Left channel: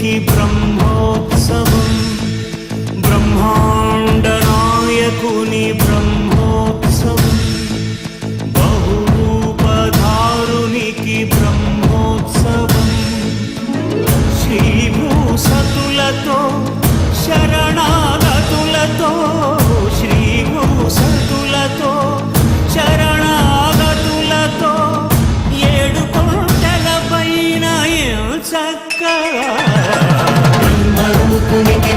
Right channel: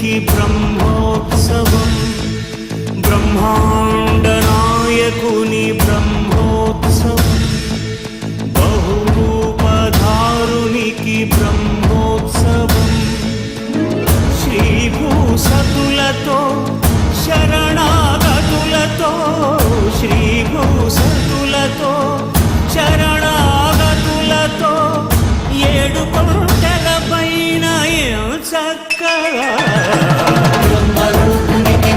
బ్రహ్మాండనాయకునికి బ్రహ్మోత్సవం, బ్రహ్మాండ నాయకుని బ్రహ్మోత్సవం, బహురూపధారునికి బ్రహ్మోత్సవం, శ్రీభూసతులతో శరణాగతులతో, శ్రీభూసతులతో శరణాగతులతో, ఏడు కొండల పైన చక్కగా బ్రహ్మరూపునికి